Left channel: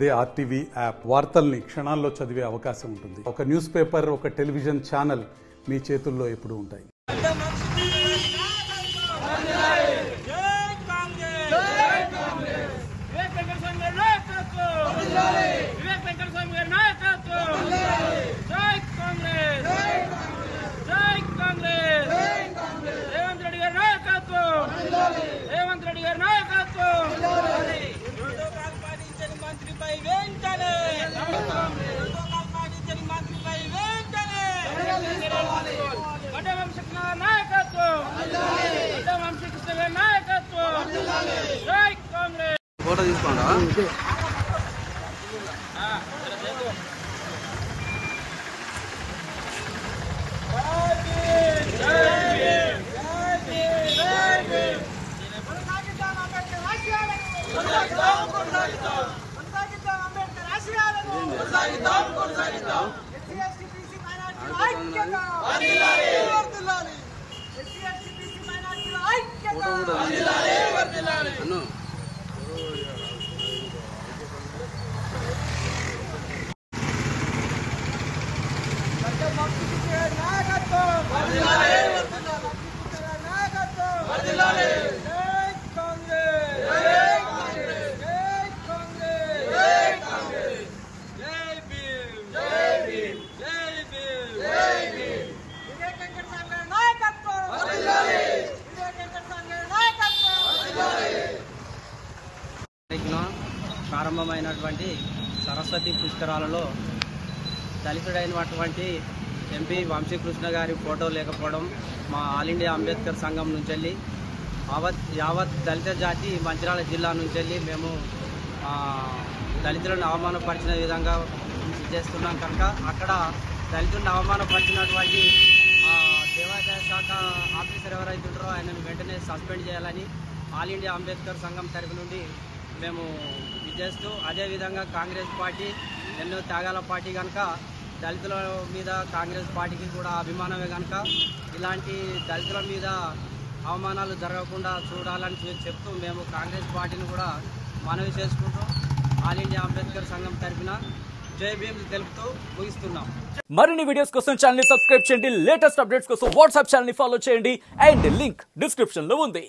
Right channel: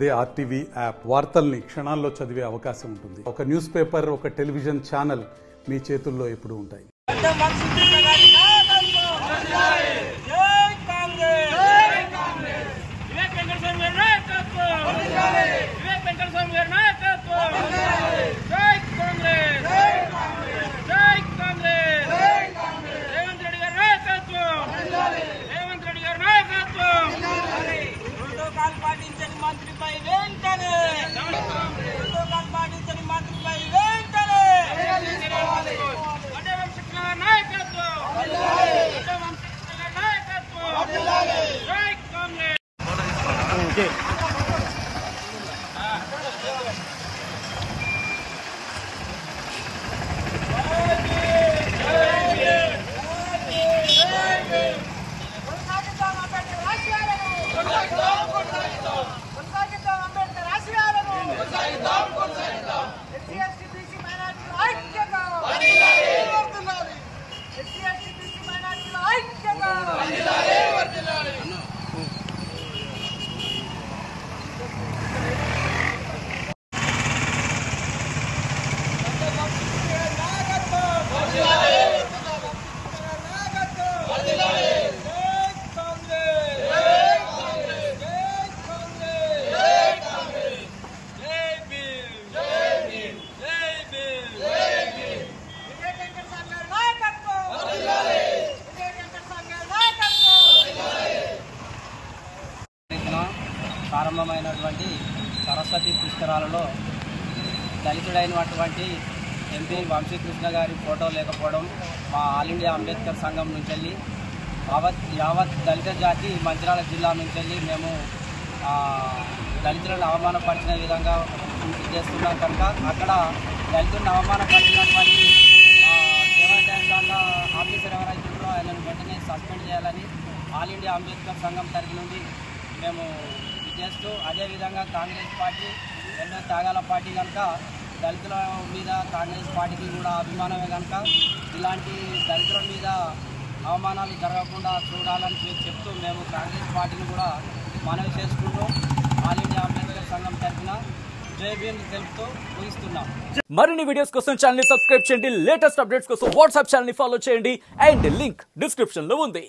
అదే RTV app వార్తల్ని క్షణాల్లో చదివే అవకాశం ఉంటుంది. ఒక న్యూస్ పేపర్, ఒక టెలివిజన్ ఛానల్ మీ చేతుల్లో ఎప్పుడూ ఉంటాయి. మంత్రిపై వెంటనే మంత్రిపై వెంటనే వంశకృష్ణ నాయకత్వం జై కాంగ్రెస్. ప్రారంభమైనటువంటి సరస్వతి పుష్కరాలలో దళితుడైనటువంటి ఎంపీ వంశీకృష్ణ గారి ఫోటో లేకపోవడం మా ఆల్ ఇండియా అంబేద్కర్ సంఘం నుంచి వెళ్ళి యావత్ దళిత జాతి మంచిర్యాల జిల్లా నుంచి వెళ్ళి మేము దళితులను అవమానపరిచిన విధంగా చేస్తున్నాం కనుక అక్కడ దళితులను అవమానపరిచినటువంటి దేవాదాయ శాఖ ఆఫీసర్ ఎవరైతే ఉంటారో ఆయనను వెంటనే సస్పెండ్ చేయాలని ఆల్ ఇండియా అంబేద్కర్ సంఘం తరఫు నుండి మేము చేస్తూ, అదేవిధంగా కాంగ్రెస్ పార్టీ ఎన్నో త్యాగాల పార్టీ కనుక దళితుల మీద కాంగ్రెస్ పార్టీకి కూడా అభిమానమే కనుక ఇలాంటి దళితుల మీద అవమానాలు జరగకుండా చూడాలని చెప్తూ మేము కాంగ్రెస్ పార్టీని కూడా మనవి చేసుకుంటూ ఆల్ ఇండియా అంబేద్కర్ సంఘం తరఫున జై భీమ్ తెలుపుతూ ముగిస్తున్నాం. మరిన్ని వీడియోస్ కోసం ఛానల్ ని సబ్స్క్రైబ్ చేయండి. లేటెస్ట్ అప్డేట్స్ కోసం వాట్సాప్ ఛానల్ ని ఫాలో చేయండి. అండ్ లింక్ డిస్క్రిప్షన్ లో ఉంది.